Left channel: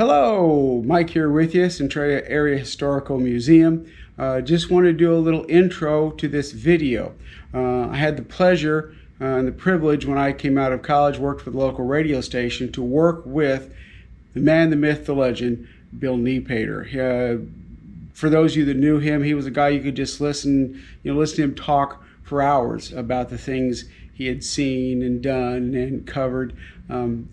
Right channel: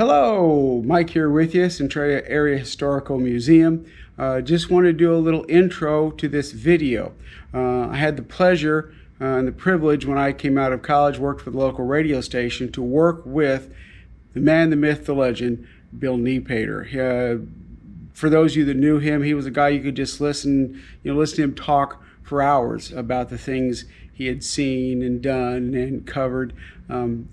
Hello, Mike here with you, Centralia Area Historical Museum. Just want to do a little intro to this video. I had the pleasure and the privilege when I came out of college, worked for the local radio station, to work with the man, the myth, the legend, Bill Niepoetter. For those of you that knew him, he was a guy you could just listen to him talk for hours about the things he had seen and done and covered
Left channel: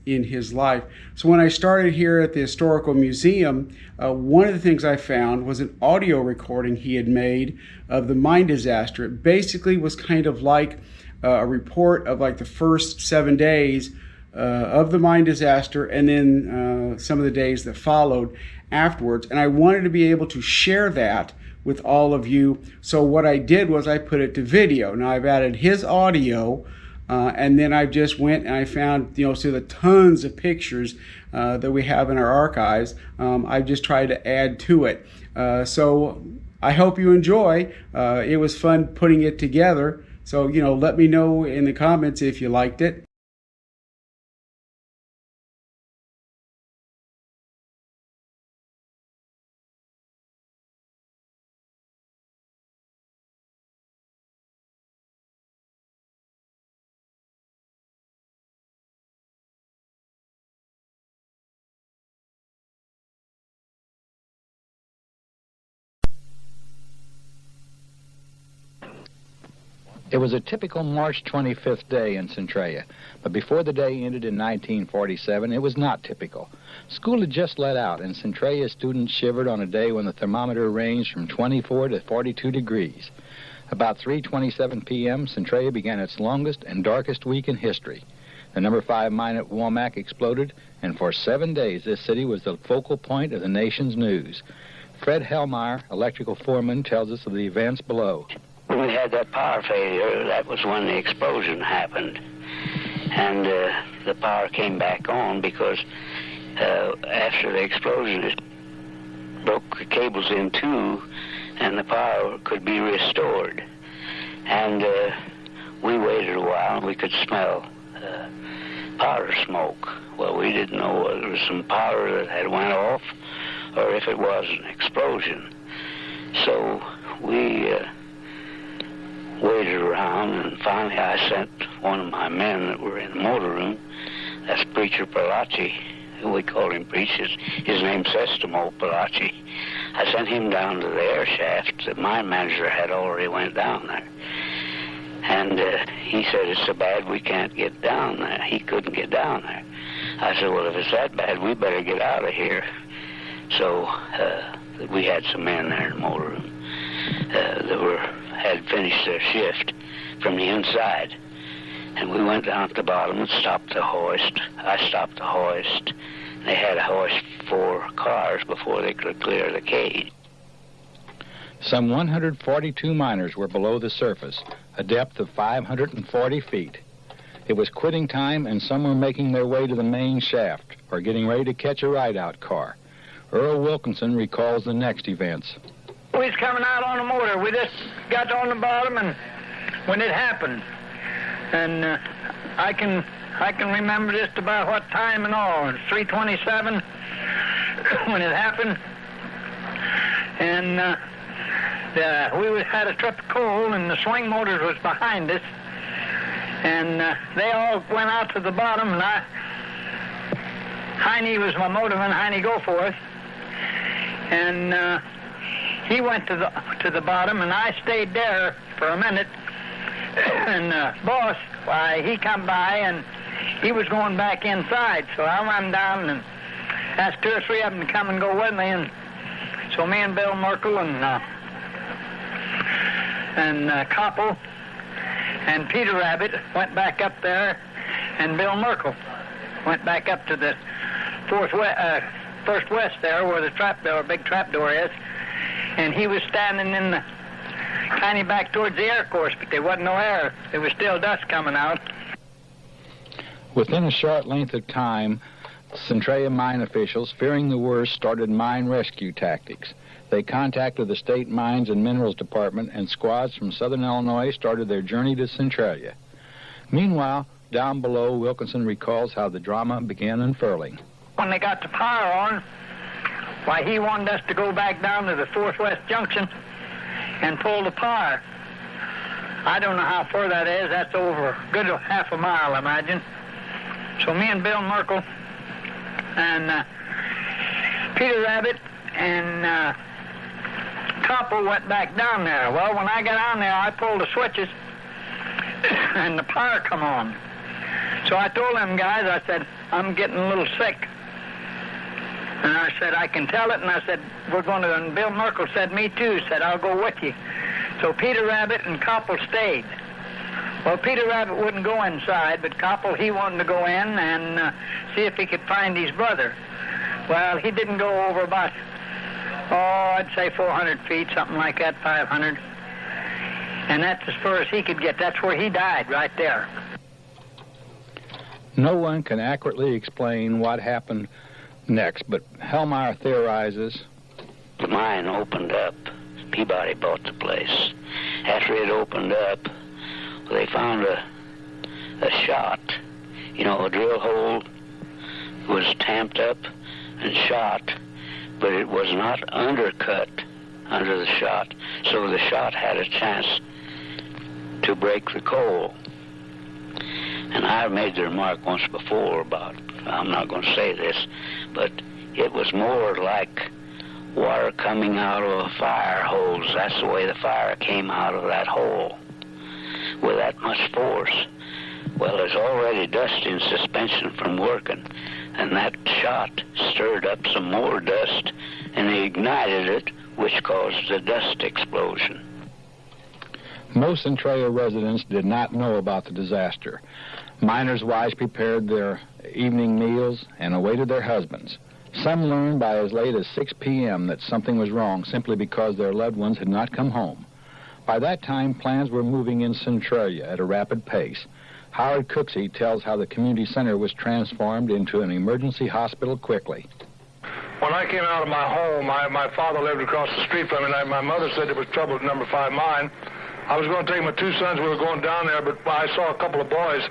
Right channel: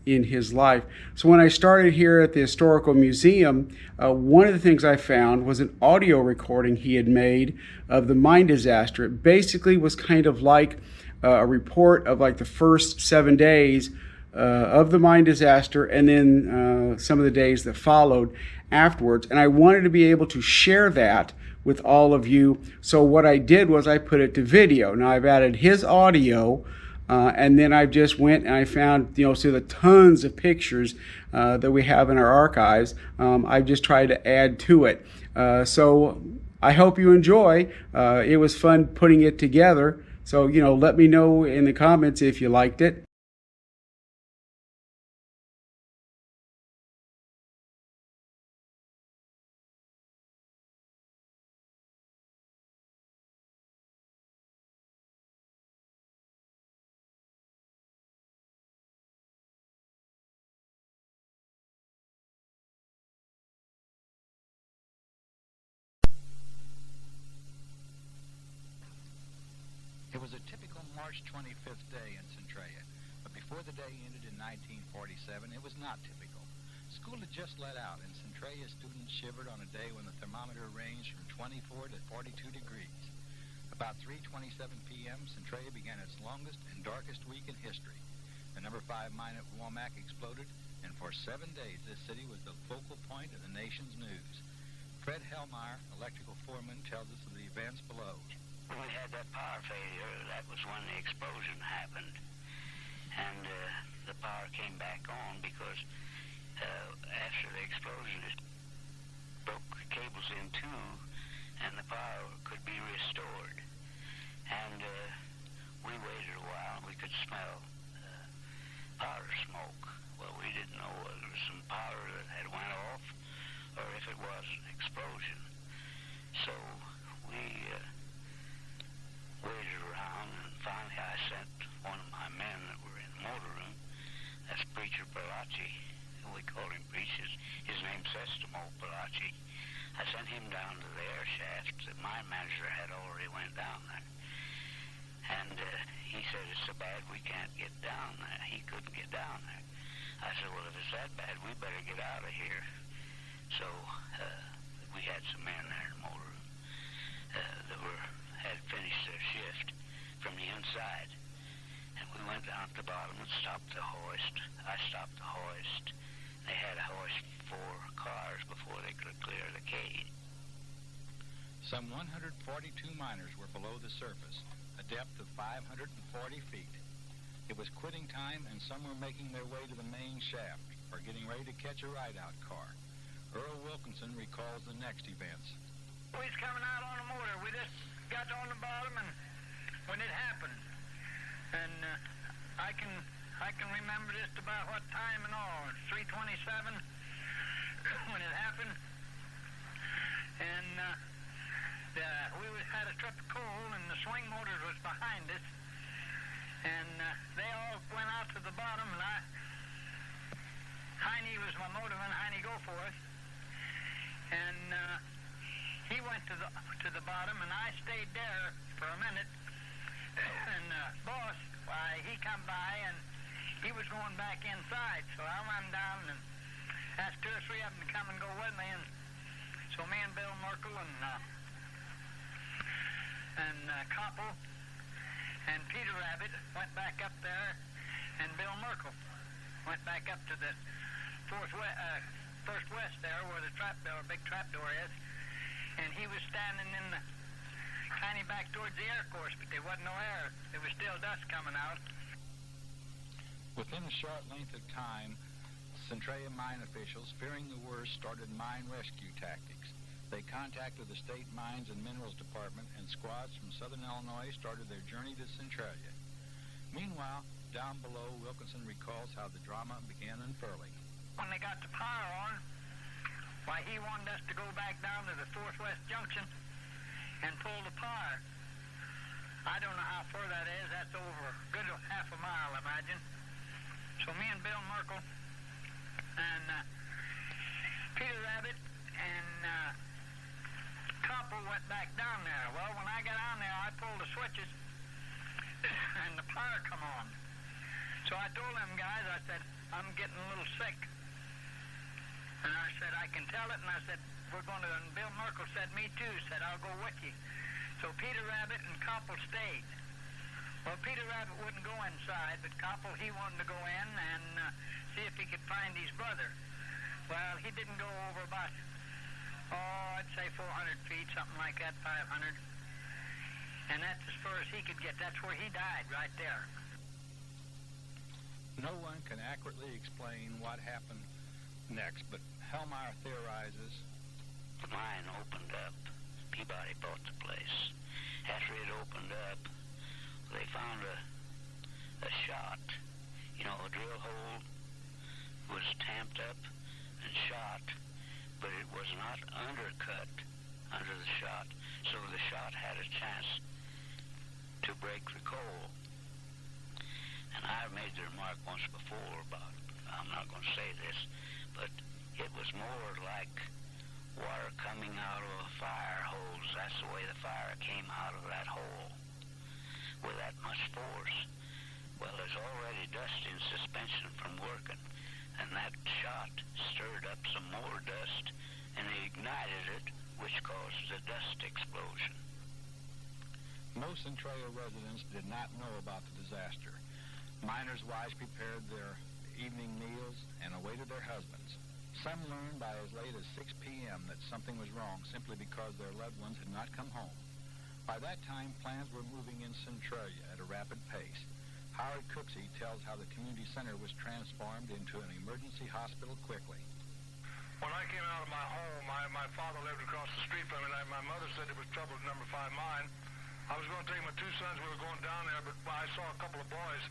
in his life. So when I started here at the Historical Museum, one of the things I found was an audio recording he had made of the mine disaster. It basically was kind of like a report of like the first 7 days of the mine disaster and then some of the days that followed afterwards. And I wanted to be able to share that with all of you. So what I did was I put it to video. Now I've added his audio and then I just went and I found, through the tons of pictures that we have in our archives, I've just tried to add to it. So I hope you enjoy. It was fun putting it together. So, let me know in the comments if you liked it. It was a typical March 25th day in Centralia, but before the day ended in 1947, it was not typical. School had just let out, and Centralia students shivered on a day when the thermometer ranged from 24 to 42 degrees. About 3:27 p.m., Centralia began its longest and darkest week in history. The number 5 mine at Womack exploded, and for 7 days, this city was the focal point of the nation's news. Fred Hellmeyer, electrical foreman, tells us of the events below. When we had that power failure, that was when the explosion happened. And the power came back on because after the explosion, it broke the cables in two, and the power could be restored. And we waited a while, and we could smell powder smoke. Well, we didn't know whether it was some powder that had went off or if it was an explosion. So we waited around, and finally I sent one of my men that were in the motor room. That's Preacher Palachi. We called him Preacher. His name's Sestamo Palachi. I sent him down to the air shaft. The mine manager had already went down there. And he said, it's so bad we can't get down there. He couldn't get down there. I said, well, if it's that bad, we better get out of here. So we had some men there in the motor room that had finished their shift from the inside. And we went down at the bottom and stopped the hoist. I stopped the hoist. They had to hoist 4 cars before they could clear the cage. Some 142 miners were below the surface, a depth of 540 feet. It was quitting time, and some were making their way to the main shaft or getting ready to catch a ride-out car. Earl Wilkinson recalls the next events. We was coming out on the motor. We just got on the bottom, and when it happened, and I can remember just about what time and all. It's 3:27 when it happened, and we had a trip of coal, and the swing motors was behind us, and they all went out to the bottom, and Heine was my motorman, Heine Goforth, and he went to the bottom, and I stayed there for a minute. And boss, he come by, and he was going back inside. So I went down and asked 2 or 3 of them to come and go with me. And so me and Bill Merkel and Koppel and Peter Rabbit went back up there, and Bill Merkel went back up to the first west there, where the big trap door is. And he was standing in the kind of back towards the air course, but there wasn't no air. There was still dust coming out. Within a short length of time, Centralia mine officials, fearing the worst, started mine rescue tactics. They contacted the State Mines and Minerals Department, and squads from southern Illinois started their journey to Centralia. Meanwhile, down below, Wilkinson recalls how the drama began unfurling. When they got the power on, why, he wanted us to go back down to the 4th West Junction and pull the power. I don't know how far that is. That's over a good half a mile, I imagine. So me and Bill Merkel and Peter Rabbit and Copper went back down there. Well, when I got on there, I pulled the switches and the power come on. So I told them guys, I said, I'm getting a little sick. And I said, I can tell it. And I said, we're going to, and Bill Merkel said, me too. Said, I'll go with you. So Peter Rabbit and Koppel stayed. Well, Peter Rabbit wouldn't go inside, but Koppel, he wanted to go in and see if he could find his brother. Well, he didn't go over about, I'd say 400 feet, something like that, 500. And that's as far as he could get. That's where he died, right there. No one can accurately explain what happened next, but Hellmeyer theorizes. The mine opened up. Peabody bought the place. After it opened up, they found a shot. You know, a drill hole was tamped up and shot, but it was not undercut under the shot, so the shot had a chance to break the coal. And I made the remark once before about, I'm not going to say this, but it was more like water coming out of a fire hose. That's the way the fire came out of that hole with that much force. Well, there's already dust in suspension from working, and that shot stirred up some more dust and ignited it, which caused the dust explosion. Most Centralia residents did not know about the disaster. Miners' wives prepared their evening meals and awaited their husbands. Some learned by as late as 6 p.m. that something was wrong simply because their loved ones had not come home. By that time, plans were moving in Centralia at a rapid pace. Howard Cooksey tells how the community center was transformed into an emergency hospital quickly. When I came out of my home, my father lived across the street from me, and my mother said there was trouble at number 5 mine. I was going to take my 2 sons. We were going down there, but I saw a couple of boys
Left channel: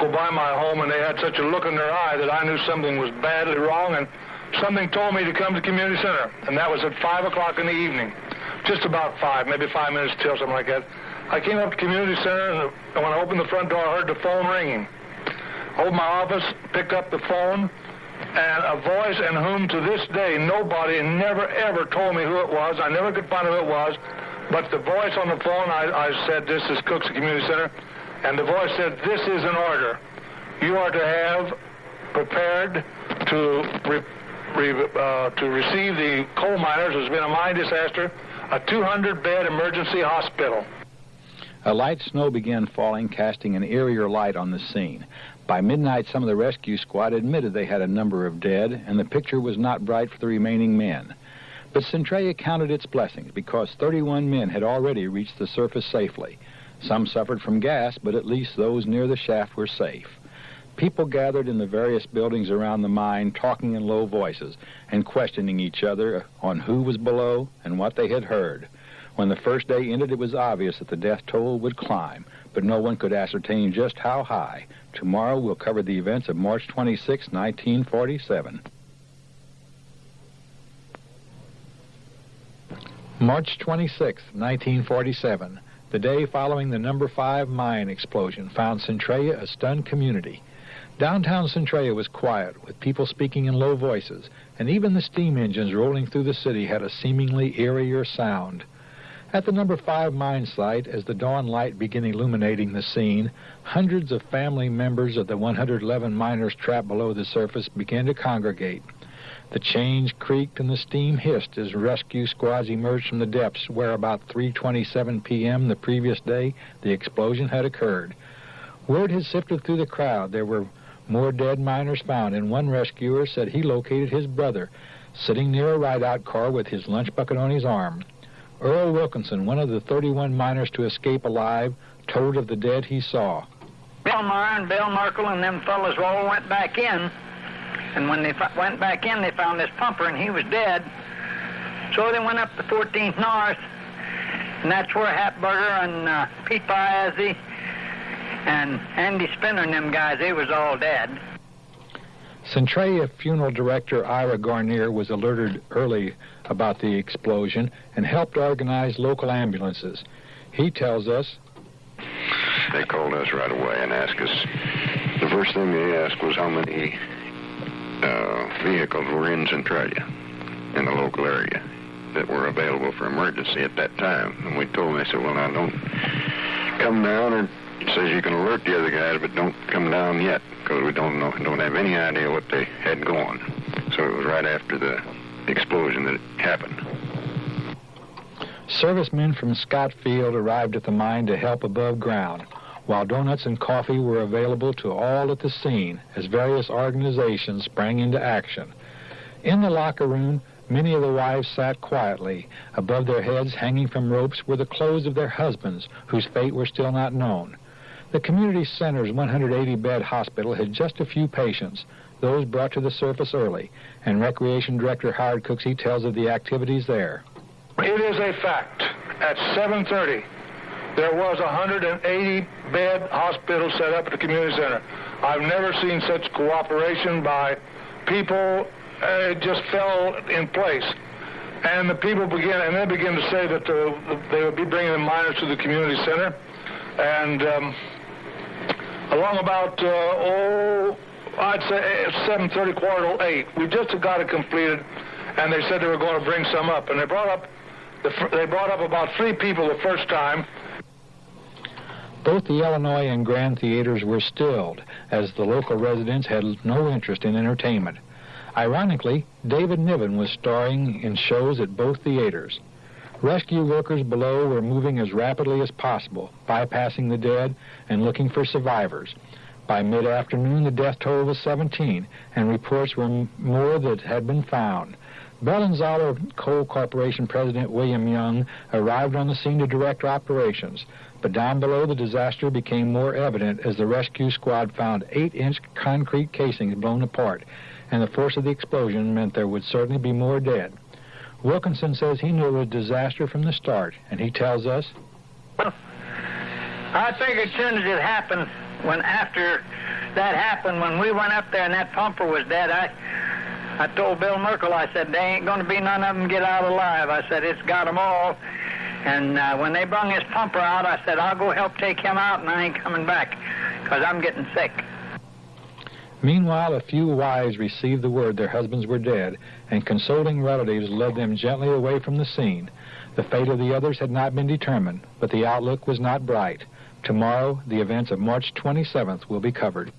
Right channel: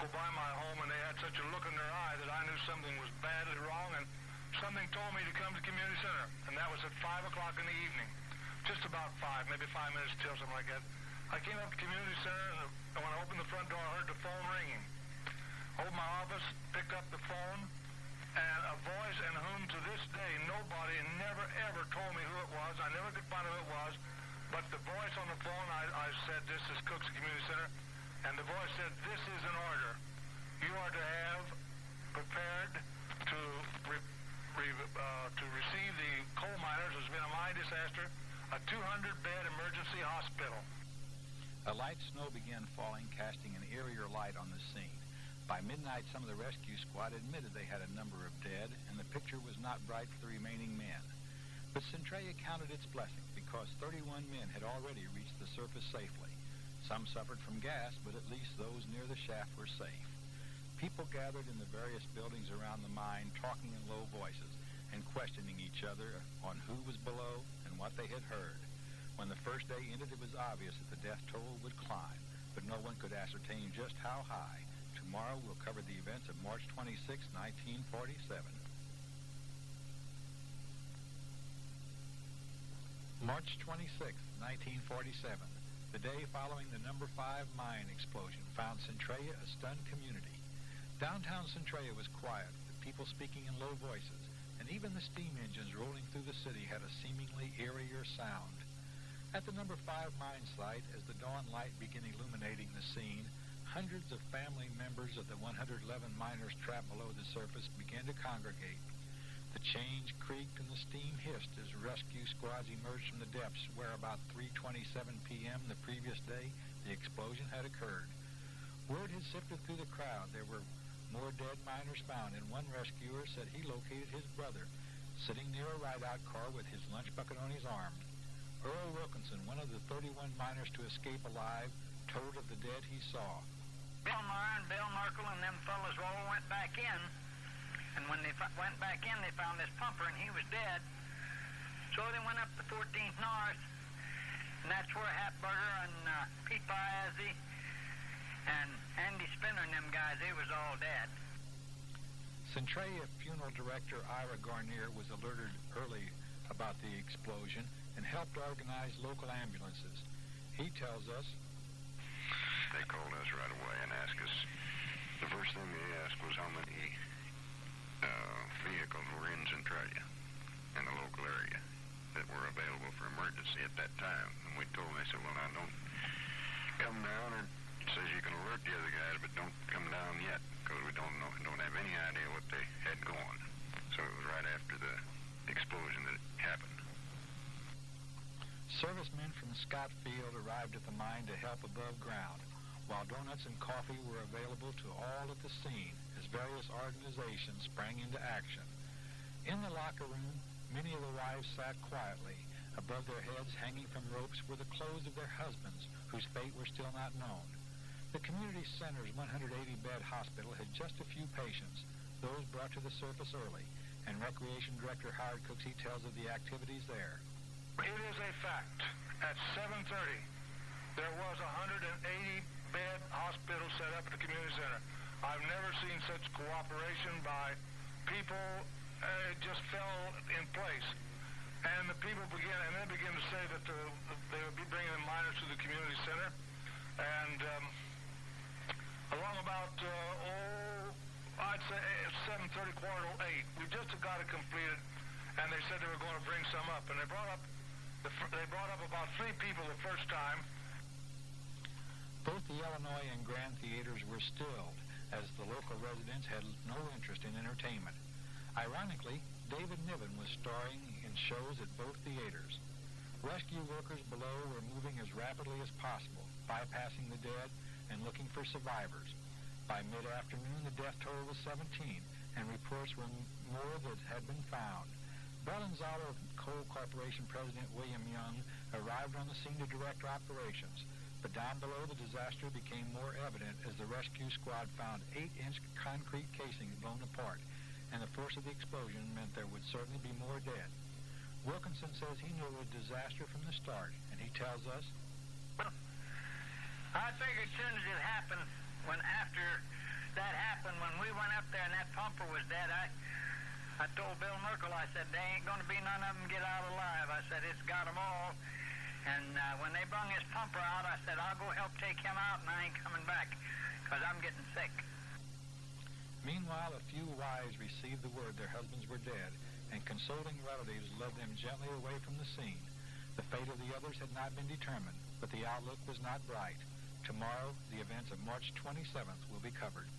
go by my home, and they had such a look in their eye that I knew something was badly wrong, and something told me to come to the community center, and that was at 5 o'clock in the evening. Just about 5, maybe 5 minutes till, something like that. I came up to the community center, and when I opened the front door, I heard the phone ringing. Opened my office, picked up the phone, and a voice in whom to this day nobody never ever told me who it was. I never could find who it was, but the voice on the phone, I said, "This is Cooksey Community Center," and the voice said, "This is an order. You are to have prepared to receive the coal miners. There's been a mine disaster, a 200-bed emergency hospital." A light snow began falling, casting an eerier light on the scene. By midnight, some of the rescue squad admitted they had a number of dead, and the picture was not bright for the remaining men. But Centralia counted its blessings because 31 men had already reached the surface safely. Some suffered from gas, but at least those near the shaft were safe. People gathered in the various buildings around the mine, talking in low voices and questioning each other on who was below and what they had heard. When the first day ended, it was obvious that the death toll would climb, but no one could ascertain just how high. Tomorrow we'll cover the events of March 26, 1947. March 26, 1947, the day following the number 5 mine explosion, found Centralia a stunned community. Downtown Centralia was quiet, with people speaking in low voices, and even the steam engines rolling through the city had a seemingly eerier sound. At the number 5 mine site, as the dawn light began illuminating the scene, hundreds of family members of the 111 miners trapped below the surface began to congregate. The chains creaked and the steam hissed as rescue squads emerged from the depths where about 3:27 p.m. the previous day the explosion had occurred. Word had sifted through the crowd. There were more dead miners found, and one rescuer said he located his brother sitting near a ride-out car with his lunch bucket on his arm. Earl Wilkinson, one of the 31 miners to escape alive, told of the dead he saw. Bill Meyer and Bill Merkel and them fellas all went back in, and when they went back in, they found this pumper, and he was dead. So they went up to 14th North, and that's where Hatburger and Pete Piazzi and Andy Spinner and them guys, they was all dead. Centralia funeral director Ira Garnier was alerted early about the explosion and helped organize local ambulances. He tells us, they called us right away and asked us, the first thing they asked was how many vehicles were in Centralia, in the local area, that were available for emergency at that time. And we told them, they said, well, now don't come down, or it says you can alert the other guys, but don't come down yet, because we don't have any idea what they had going. So it was right after the explosion that it happened. Servicemen from Scott Field arrived at the mine to help above ground, while donuts and coffee were available to all at the scene as various organizations sprang into action. In the locker room, many of the wives sat quietly. Above their heads, hanging from ropes, were the clothes of their husbands, whose fate were still not known. The community center's 180-bed hospital had just a few patients, those brought to the surface early, and Recreation Director Howard Cooksey tells of the activities there. It is a fact. At 7:30, there was a 180-bed hospital set up at the community center. I've never seen such cooperation by people. It just fell in place. And the people began to say that they would be bringing the miners to the community center. And along about, I'd say 7:30, 7:45, we just got it completed, and they said they were going to bring some up. And they brought up about 3 people the first time. Both the Illinois and Grand theaters were stilled, as the local residents had no interest in entertainment. Ironically, David Niven was starring in shows at both theaters. Rescue workers below were moving as rapidly as possible, bypassing the dead and looking for survivors. By mid-afternoon, the death toll was 17, and reports were more that had been found. Bellinzalo Coal Corporation President William Young arrived on the scene to direct operations, but down below the disaster became more evident as the rescue squad found 8-inch concrete casings blown apart, and the force of the explosion meant there would certainly be more dead. Wilkinson says he knew it was a disaster from the start, and he tells us, I figured as soon as it happened, after that happened, when we went up there and that pumper was dead, I told Bill Merkel, I said, they ain't going to be none of them get out alive. I said, it's got them all. And when they brung his pumper out, I said, I'll go help take him out, and I ain't coming back, because I'm getting sick. Meanwhile, a few wives received the word their husbands were dead, and consoling relatives led them gently away from the scene. The fate of the others had not been determined, but the outlook was not bright. Tomorrow, the events of March 27th will be covered.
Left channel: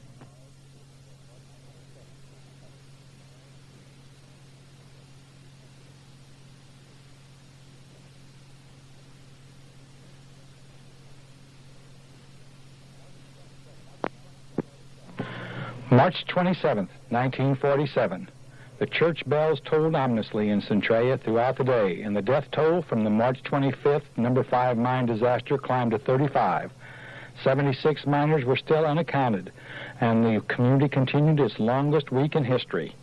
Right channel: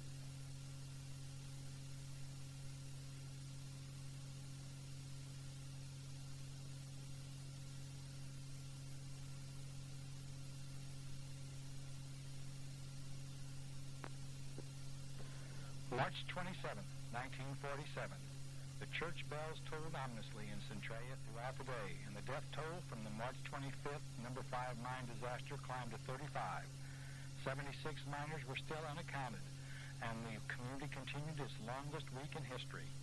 March 27th, 1947. The church bells tolled ominously in Centralia throughout the day, and the death toll from the March 25th number 5 mine disaster climbed to 35. 76 miners were still unaccounted, and the community continued its longest week in history.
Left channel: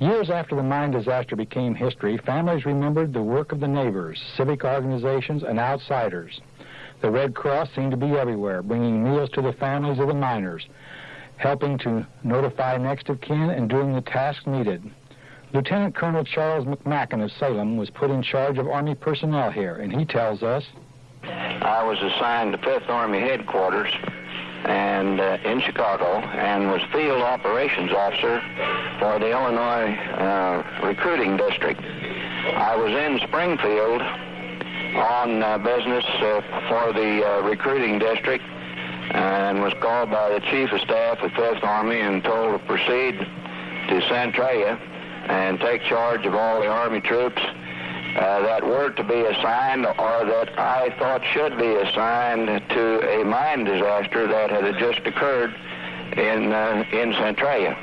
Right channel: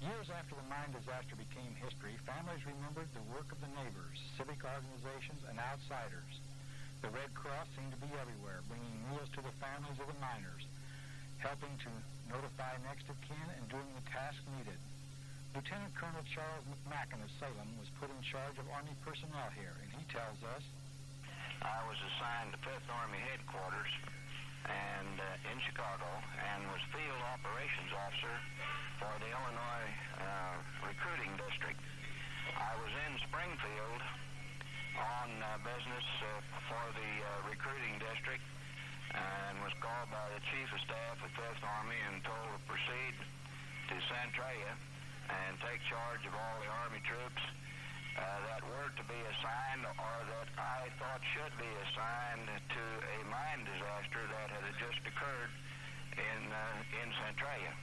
Years after the mine disaster became history, families remembered the work of the neighbors, civic organizations, and outsiders. The Red Cross seemed to be everywhere, bringing meals to the families of the miners, helping to notify next of kin and doing the tasks needed. Lieutenant Colonel Charles McMacken of Salem was put in charge of Army personnel here, and he tells us, I was assigned to 5th Army Headquarters and in Chicago, and was field operations officer for the Illinois recruiting district. I was in Springfield on business for the recruiting district, and was called by the Chief of Staff of 5th Army and told to proceed to Centralia and take charge of all the Army troops that were to be assigned, or that I thought should be assigned, to a mine disaster that had just occurred in Centralia.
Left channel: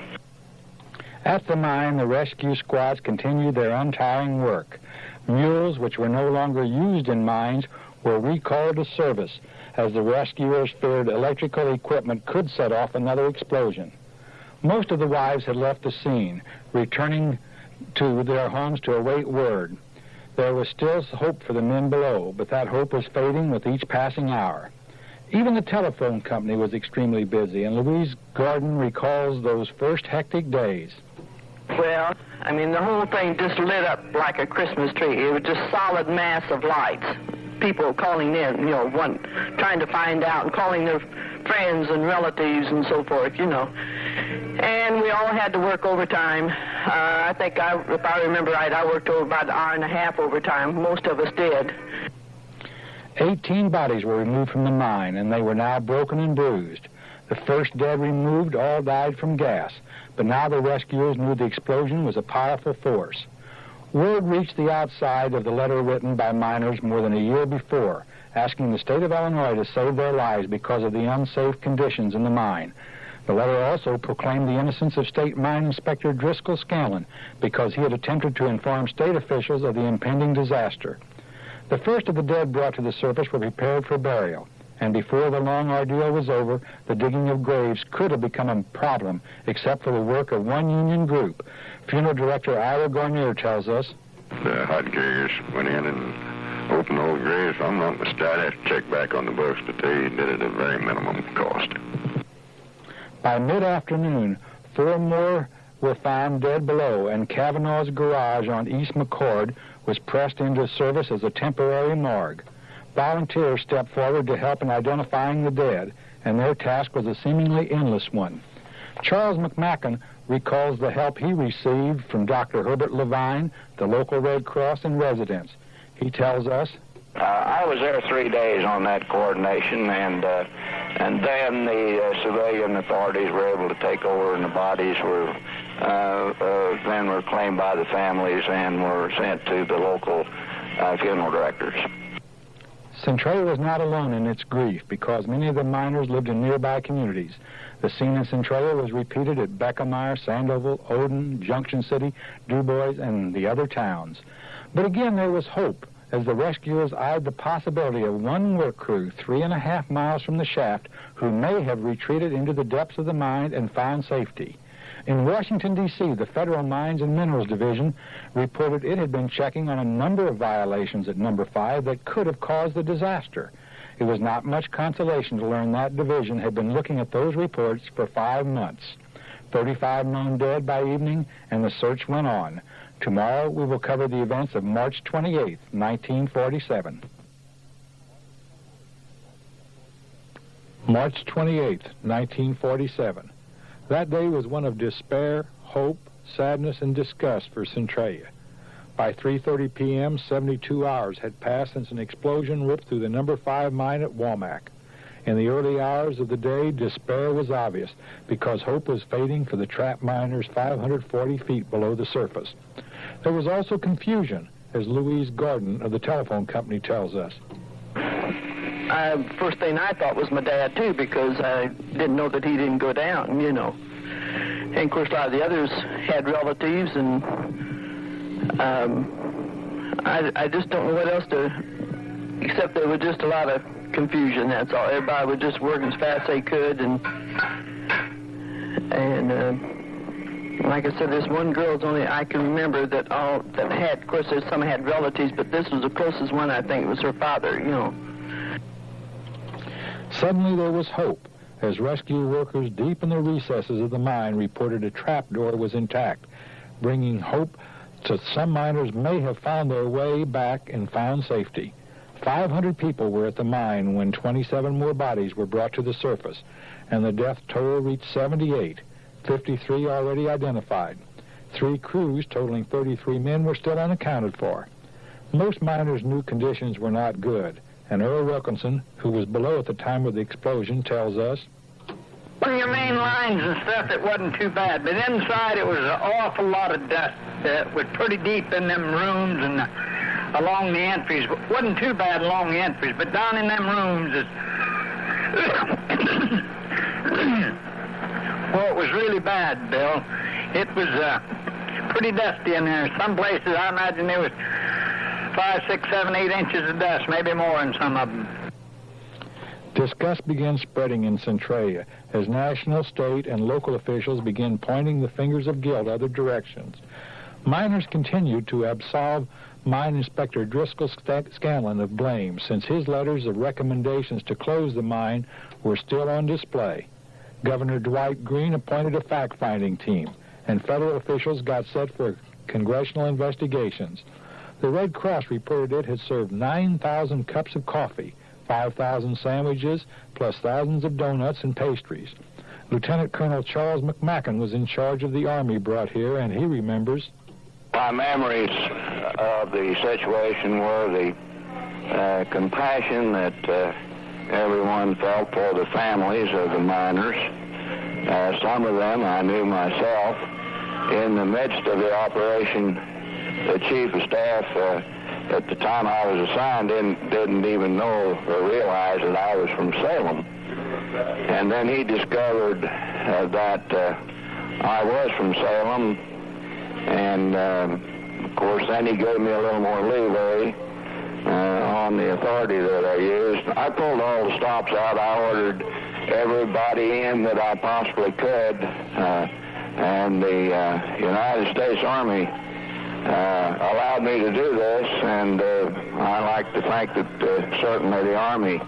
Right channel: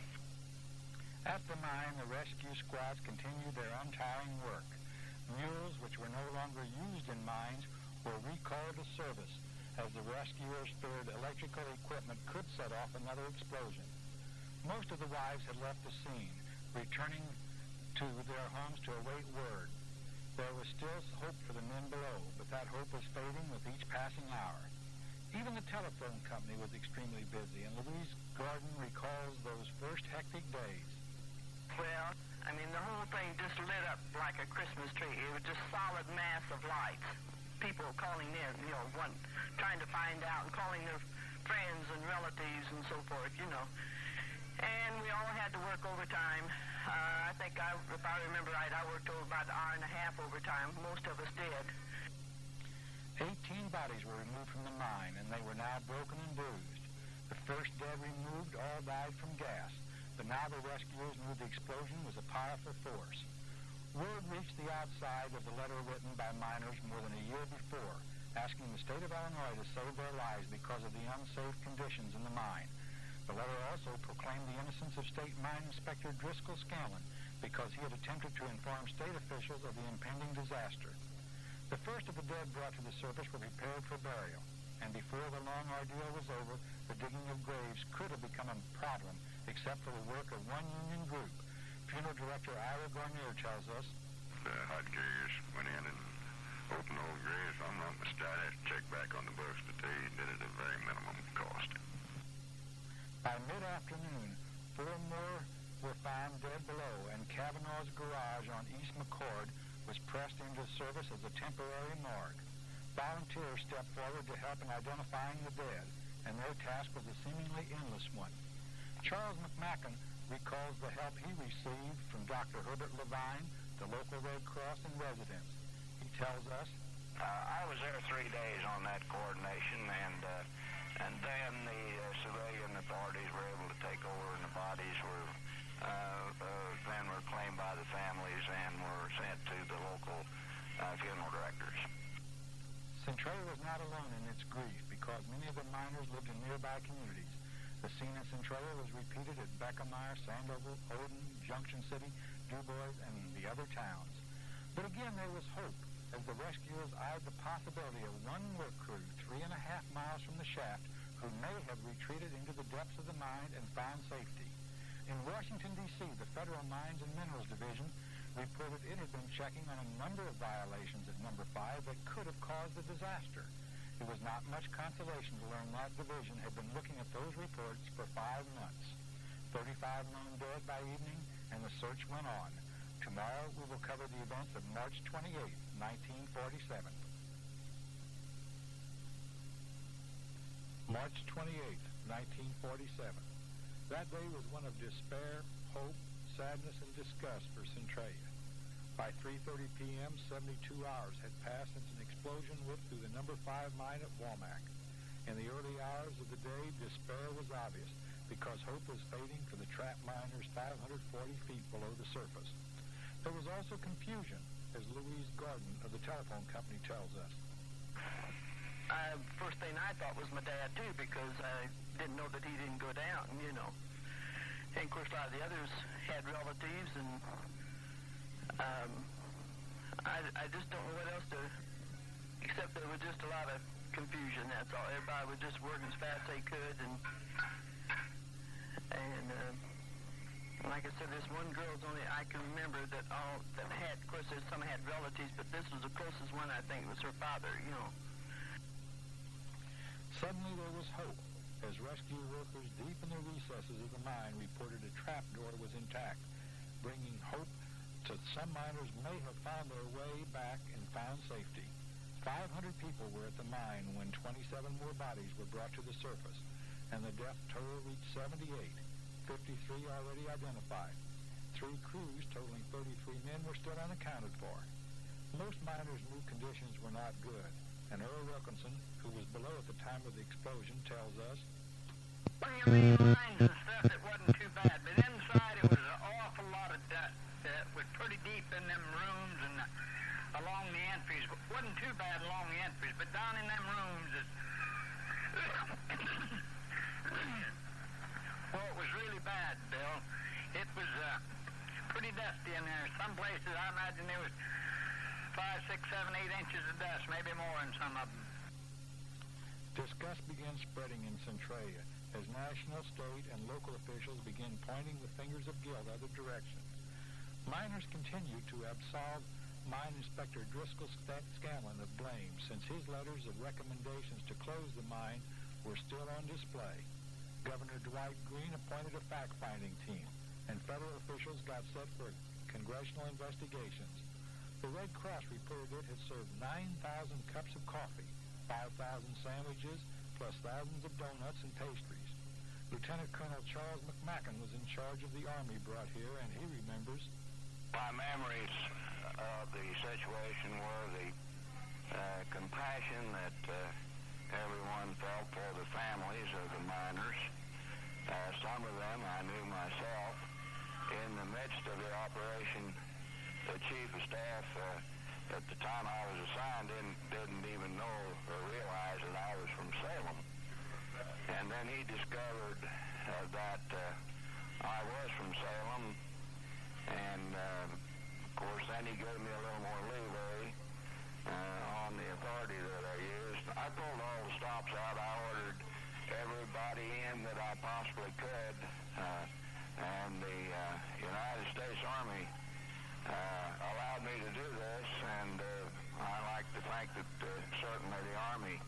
At the mine, the rescue squads continued their untiring work. Mules, which were no longer used in mines, were recalled to service, as the rescuers feared electrical equipment could set off another explosion. Most of the wives had left the scene, returning to their homes to await word. There was still hope for the men below, but that hope was fading with each passing hour. Even the telephone company was extremely busy, and Louise Gordon recalls those first hectic days. Well, I mean, the whole thing just lit up like a Christmas tree. It was just solid mass of lights. People calling in, you know, trying to find out and calling their friends and relatives and so forth, you know. And we all had to work overtime. I think, if I remember right, I worked over about an hour and a half overtime. Most of us did. 18 bodies were removed from the mine, and they were now broken and bruised. The first dead removed all died from gas, but now the rescuers knew the explosion was a powerful force. Word reached the outside of the letter written by miners more than a year before, asking the state of Illinois to save their lives because of the unsafe conditions in the mine. The letter also proclaimed the innocence of State Mine Inspector Driscoll Scanlon because he had attempted to inform state officials of the impending disaster. The first of the dead brought to the surface were prepared for burial, and before the long ordeal was over, the digging of graves could have become a problem except for the work of one union group. Funeral director Ira Gornier tells us, The hod carriers went in and opened old graves. I'm not mistaken. I'd have to check back on the books, but they did it at a very minimum cost. By mid-afternoon, 4 more were found dead below, and Kavanaugh's garage on East McCord was pressed into service as a temporary morgue. Volunteers stepped forward to help in identifying the dead, and their task was a seemingly endless one. Charles McMacken recalls the help he received from Dr. Herbert Levine, the local Red Cross, and residents. He tells us, I was there 3 days on that coordination, and then the civilian authorities were able to take over, and the bodies were then were claimed by the families and were sent to the local funeral directors. Centralia was not alone in its grief because many of the miners lived in nearby communities. The scene in Centralia was repeated at Beckemeyer, Sandoval, Odin, Junction City, DuBois, and the other towns. But again, there was hope as the rescuers eyed the possibility of one work crew 3.5 miles from the shaft who may have retreated into the depths of the mine and found safety. In Washington, D.C., the Federal Mines and Minerals Division reported it had been checking on a number of violations at Number 5 that could have caused the disaster. It was not much consolation to learn that division had been looking at those reports for 5 months. 35 known dead by evening, and the search went on. Tomorrow, we will cover the events of March 28, 1947. March 28, 1947. That day was one of despair, hope, sadness, and disgust for Centralia. By 3:30 p.m., 72 hours had passed since an explosion ripped through the Number 5 mine at Womack. In the early hours of the day, despair was obvious because hope was fading for the trapped miners 540 feet below the surface. There was also confusion, as Louise Gordon of the telephone company tells us. First thing I thought was my dad, too, because I didn't know that he didn't go down, you know. And, of course, a lot of the others had relatives, and I just don't know what else to, except there was just a lot of confusion, that's all. Everybody was just working as fast as they could, and like I said, this one girl's only I can remember that had, of course, some had relatives, but this was the closest one. I think it was her father, you know. Suddenly there was hope, as rescue workers deep in the recesses of the mine reported a trapdoor was intact, bringing hope to some miners may have found their way back and found safety. 500 people were at the mine when 27 more bodies were brought to the surface, and the death toll reached 78, 53 already identified. 3 crews totaling 33 men were still unaccounted for. Most miners knew conditions were not good, and Earl Wilkinson, who was below at the time of the explosion, tells us, On your main lines and stuff, it wasn't too bad, but inside it was an awful lot of dust. It was pretty deep in them rooms and along the entries. It wasn't too bad along the entries, but down in them rooms, well, it was really bad, Bill. It was pretty dusty in there. Some places, I imagine there was 5, 6, 7, 8 inches of dust, maybe more in some of them. Disgust began spreading in Centralia as national, state, and local officials began pointing the fingers of guilt other directions. Miners continued to absolve Mine Inspector Driscoll Scanlon of blame, since his letters of recommendations to close the mine were still on display. Governor Dwight Green appointed a fact-finding team, and federal officials got set for congressional investigations. The Red Cross reported it had served 9,000 cups of coffee, 5,000 sandwiches, plus thousands of donuts and pastries. Lieutenant Colonel Charles McMacken was in charge of the Army brought here, and he remembers. My memories of the situation were the compassion that everyone felt for the families of the miners. Some of them I knew myself. In the midst of the operation, the chief of staff at the time I was assigned didn't even know or realize that I was from Salem. And then he discovered that I was from Salem, and of course then he gave me a little more leeway on the authority that I used. I pulled all the stops out. I ordered everybody in that I possibly could, and the United States Army allowed me to do this, and I like to think that certainly the Army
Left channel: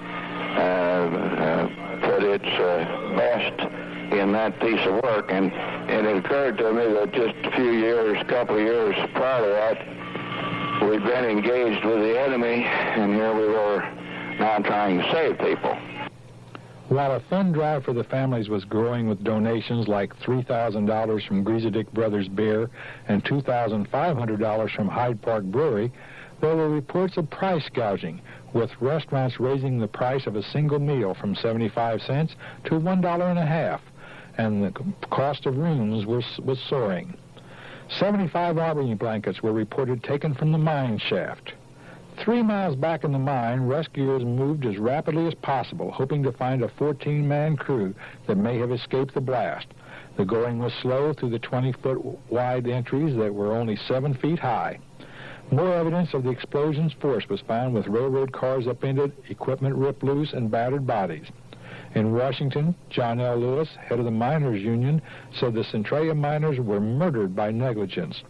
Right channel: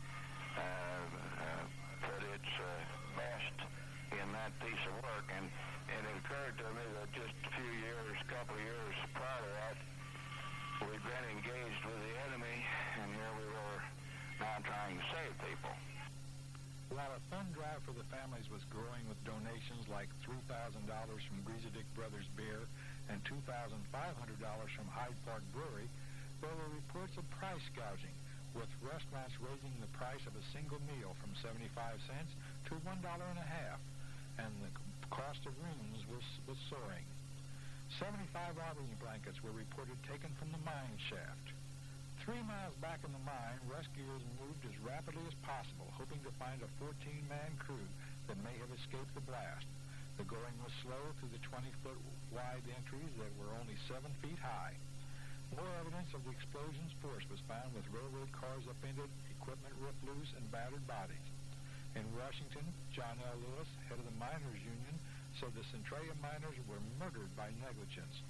put its best in that piece of work, and it occurred to me that just a couple of years prior to that, we'd been engaged with the enemy, and here we were now trying to save people. While a fund drive for the families was growing with donations like $3,000 from Griesedick Brothers Beer and $2,500 from Hyde Park Brewery, there were reports of price gouging, with restaurants raising the price of a single meal from 75 cents to $1.50, and the cost of rooms was soaring. 75 Albany blankets were reported taken from the mine shaft. 3 miles back in the mine, rescuers moved as rapidly as possible, hoping to find a 14-man crew that may have escaped the blast. The going was slow through the 20-foot wide entries that were only 7 feet high. More evidence of the explosion's force was found, with railroad cars upended, equipment ripped loose, and battered bodies. In Washington, John L. Lewis, head of the Miners Union, said the Centralia miners were murdered by negligence.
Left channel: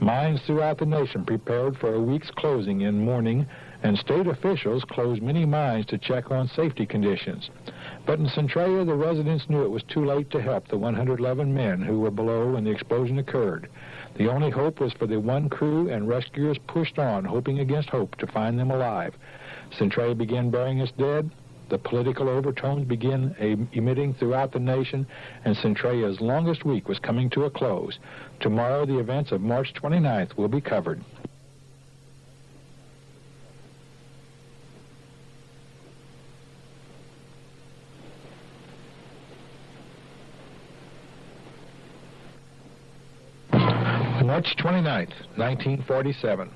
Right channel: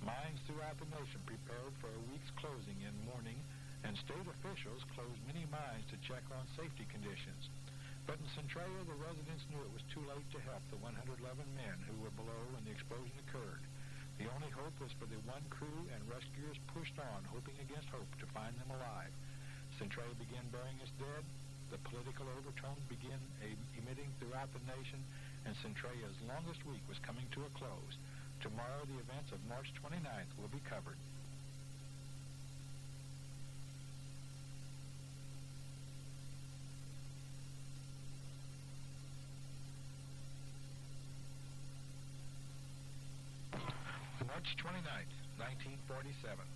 Mines throughout the nation prepared for a week's closing in mourning, and state officials closed many mines to check on safety conditions. But in Centralia, the residents knew it was too late to help the 111 men who were below when the explosion occurred. The only hope was for the one crew, and rescuers pushed on, hoping against hope, to find them alive. Centralia began burying its dead. The political overtones began emitting throughout the nation, and Centralia's longest week was coming to a close. Tomorrow, the events of March 29th will be covered. March 29th, 1947.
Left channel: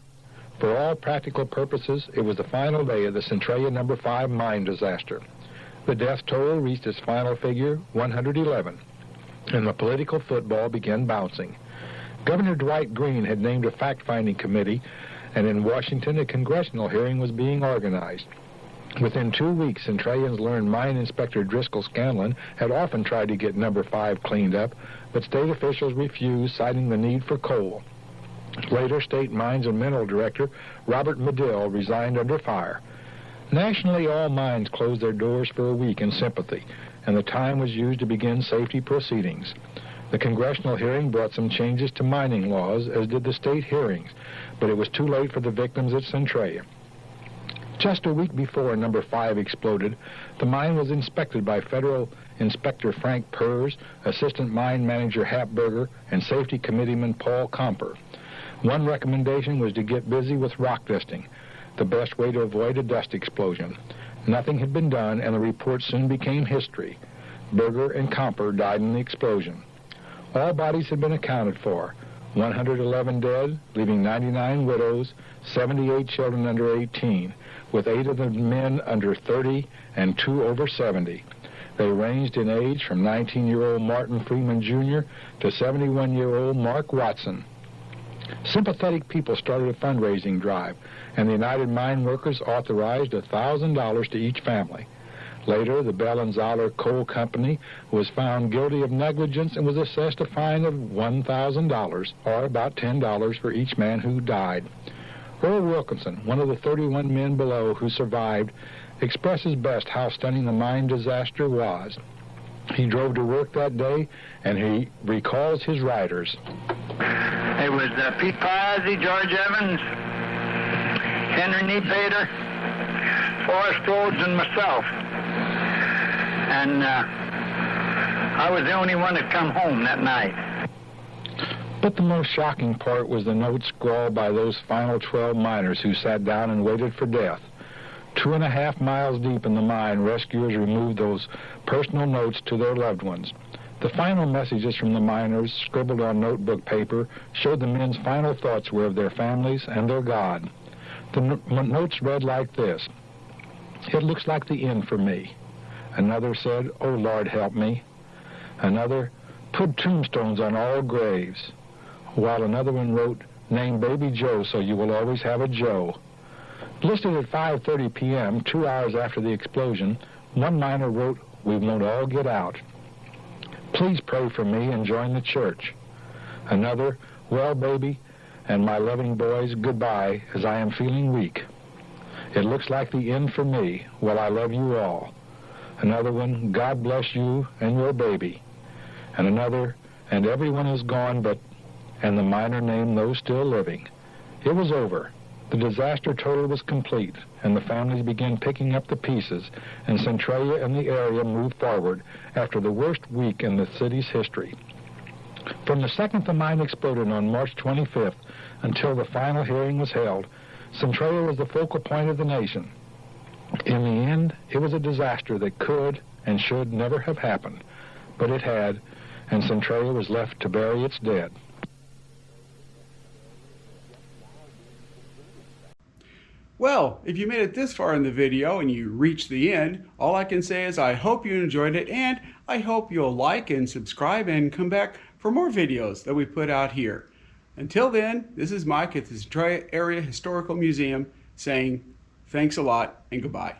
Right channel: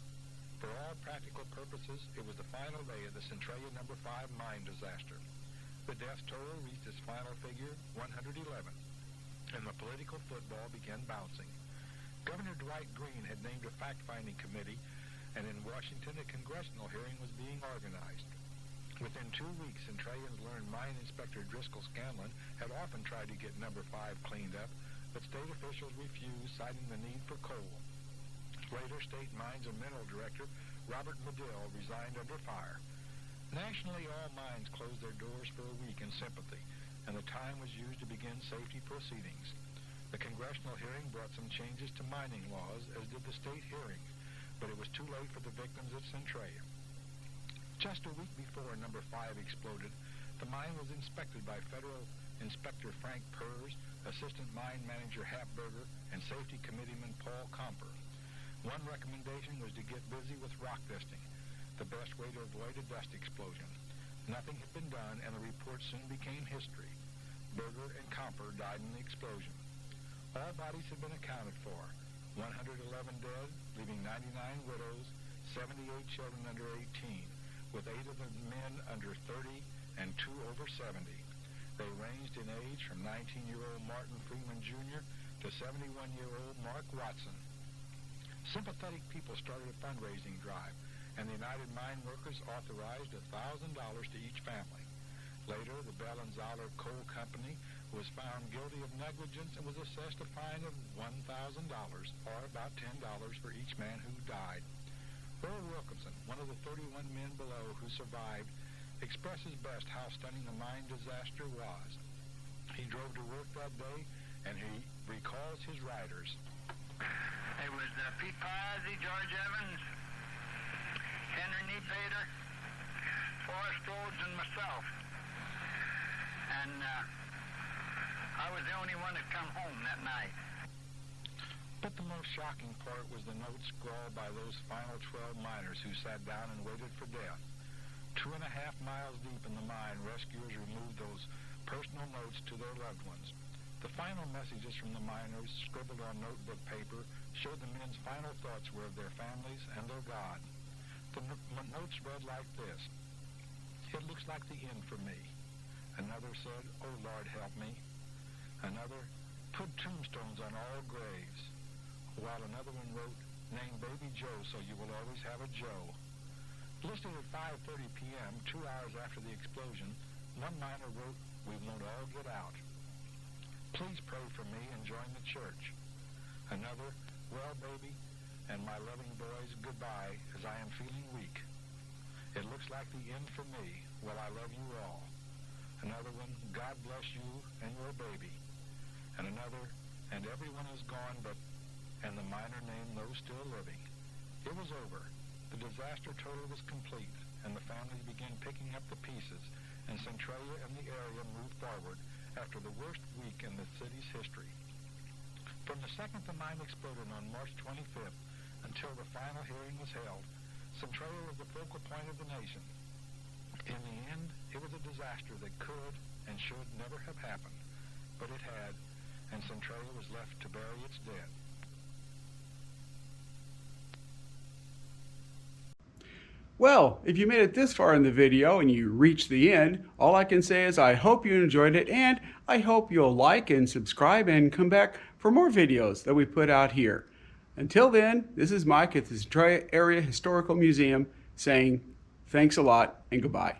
For all practical purposes, it was the final day of the Centralia No. 5 mine disaster. The death toll reached its final figure, 111, and the political football began bouncing. Governor Dwight Green had named a fact-finding committee, and in Washington, a congressional hearing was being organized. Within 2 weeks, Centralians learned Mine Inspector Driscoll Scanlon had often tried to get No. 5 cleaned up, but state officials refused, citing the need for coal. Later, State Mines and Mineral Director Robert Medill resigned under fire. Nationally, all mines closed their doors for a week in sympathy, and the time was used to begin safety proceedings. The congressional hearing brought some changes to mining laws, as did the state hearings, but it was too late for the victims at Centralia. Just a week before No. 5 exploded, the mine was inspected by Federal Inspector Frank Purrs, Assistant Mine Manager Hap Berger, and Safety Committeeman Paul Comper. One recommendation was to get busy with rock dusting, the best way to avoid a dust explosion. Nothing had been done, and the report soon became history. Berger and Comper died in the explosion. All bodies had been accounted for, 111 dead, leaving 99 widows, 78 children under 18, with 8 of the men under 30 and 2 over 70. They ranged in age from 19-year-old Martin Freeman Jr. to 71-year-old Mark Watson. Sympathetic people started a fundraising drive, and the United Mine Workers authorized $1,000 to each family. Later, the Bell and Zoller Coal Company was found guilty of negligence and was assessed a fine of $1,000, or about $10 for each man who died. Earl Wilkinson, one of the 31 men below who survived, expresses best how stunning the mine disaster was. He drove to work that day, and he recalls his riders. It was Pete Pazzi, George Evans, Henry Niepoetter, Forrest Rhodes, and myself. And I was the only one that come home that night. But the most shocking part was the note scrawled by those final 12 miners who sat down and waited for death. 2.5 miles deep in the mine, rescuers removed those personal notes to their loved ones. The final messages from the miners, scribbled on notebook paper, showed the men's final thoughts were of their families and their God. The notes read like this: "It looks like the end for me." Another said, "Oh, Lord, help me." Another, "Put tombstones on all graves." While another one wrote, "Name Baby Joe so you will always have a Joe." Listed at 5:30 p.m., 2 hours after the explosion, one miner wrote, "We won't all get out. Please pray for me and join the church." Another, "Well, baby, and my loving boys, goodbye, as I am feeling weak. It looks like the end for me. Well, I love you all." Another one, "God bless you and your baby." And another, "And everyone is gone but," and the miner named those still living. It was over. The disaster total was complete, and the families began picking up the pieces, and Centralia and the area moved forward after the worst week in the city's history. From the second the mine exploded on March 25th until the final hearing was held, Centralia was the focal point of the nation. In the end, it was a disaster that could and should never have happened, but it had, and Centralia was left to bury its dead. Well, if you made it this far in the video and you reached the end, all I can say is I hope you enjoyed it, and I hope you'll like and subscribe and come back for more videos that we put out here. Until then, this is Mike at the Centralia Area Historical Museum saying thanks a lot and goodbye.